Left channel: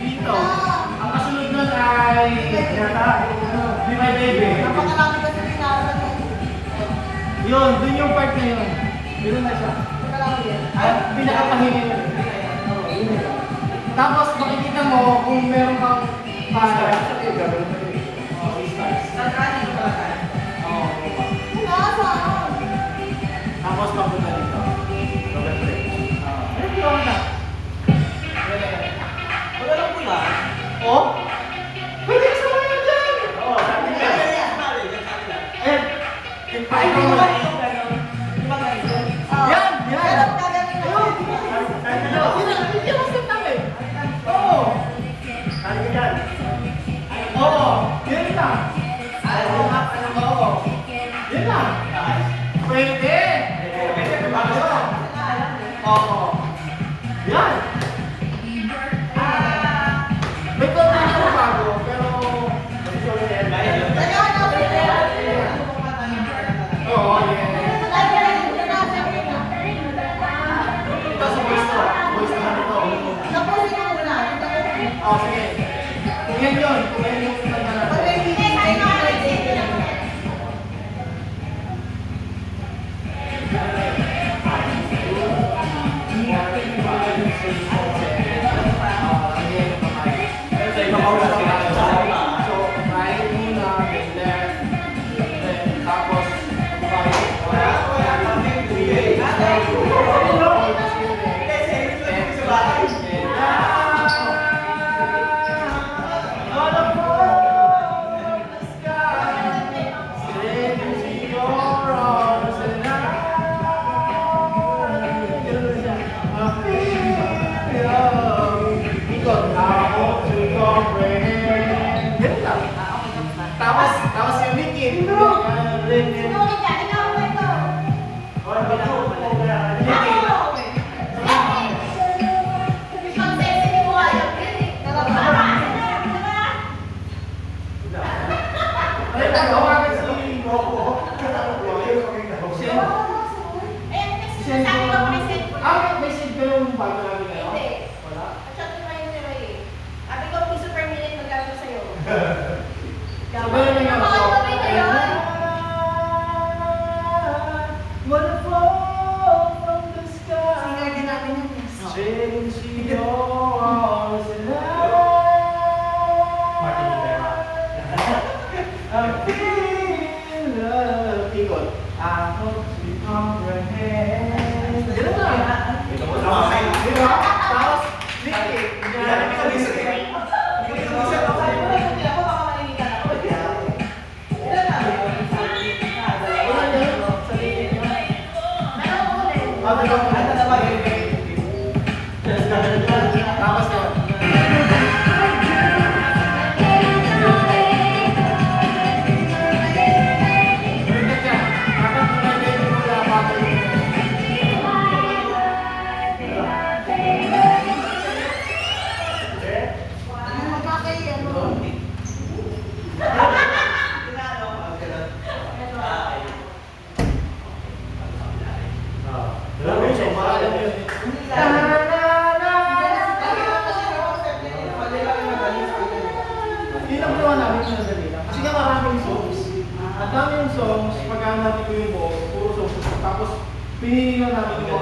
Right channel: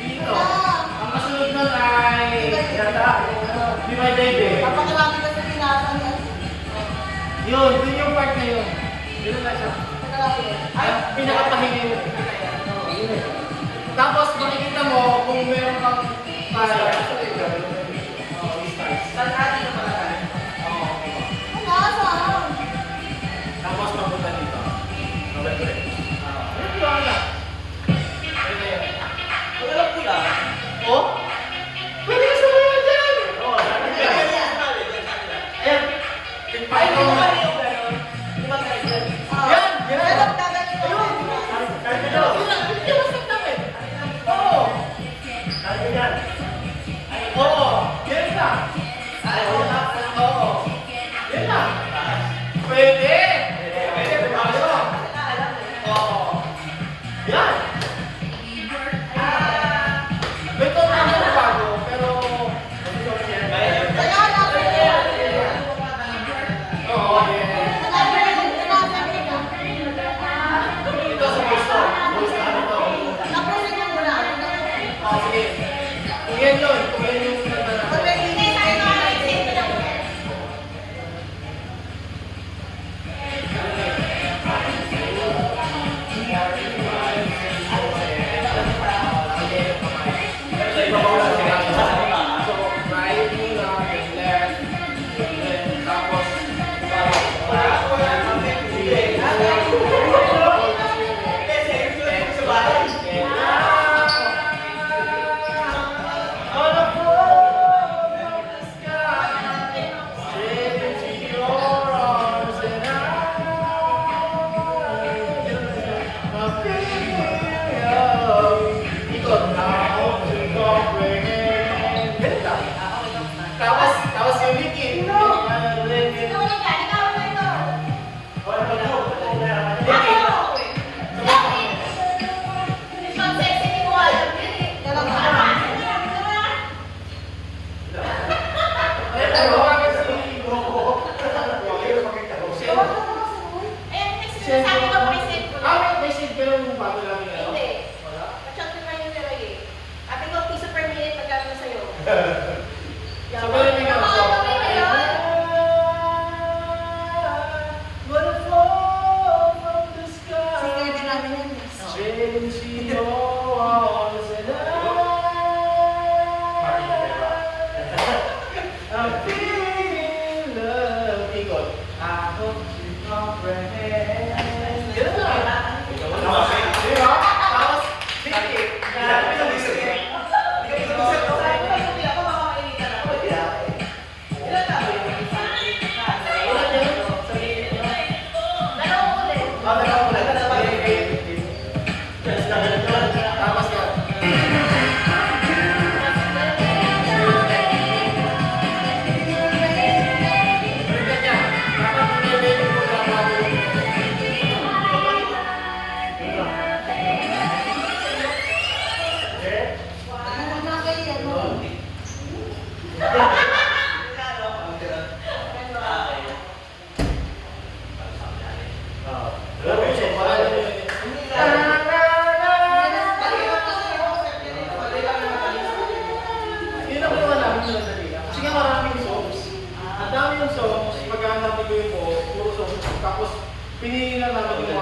Dito. Ang kasunod nun ay Bimay Debe. Napakarami kasi pinasa niya. Yun, dun yung part na yun. Yun na siya. Ay, pinakapahingin mo. Tapos makikita mo kung meron kang para. Tapos papunta dito. Oh? Pwede ka sumayo dyan! Ay, hindi mo ba? Yan! Yan! Hindi mo sa tabi. Oo! Oo! Yan lang! Oo! Yan lang! Pwede! Pwede! Oo! Yan! May konti na bago, pero oo, ito sa gusto. Gusto namin ito. Oh, sige. Kung yan yun, kung yan yung kanta natin. Tapos yung liquid. May seed pero yung bago namin ano? Wala? So, meron yung ano? Wanna fall from the sky. Change yours and I feel love. Ikot. I hope you comprehend. Ganun na. Diba? Tapos, liquid. Tapos yan. Balikat yan. Dapat pinay-baby mo na bago. Kasi nga maraming songs. At dami yung songs, pagkahanapin ko yung puro songs. Tapos, pinili na namin yung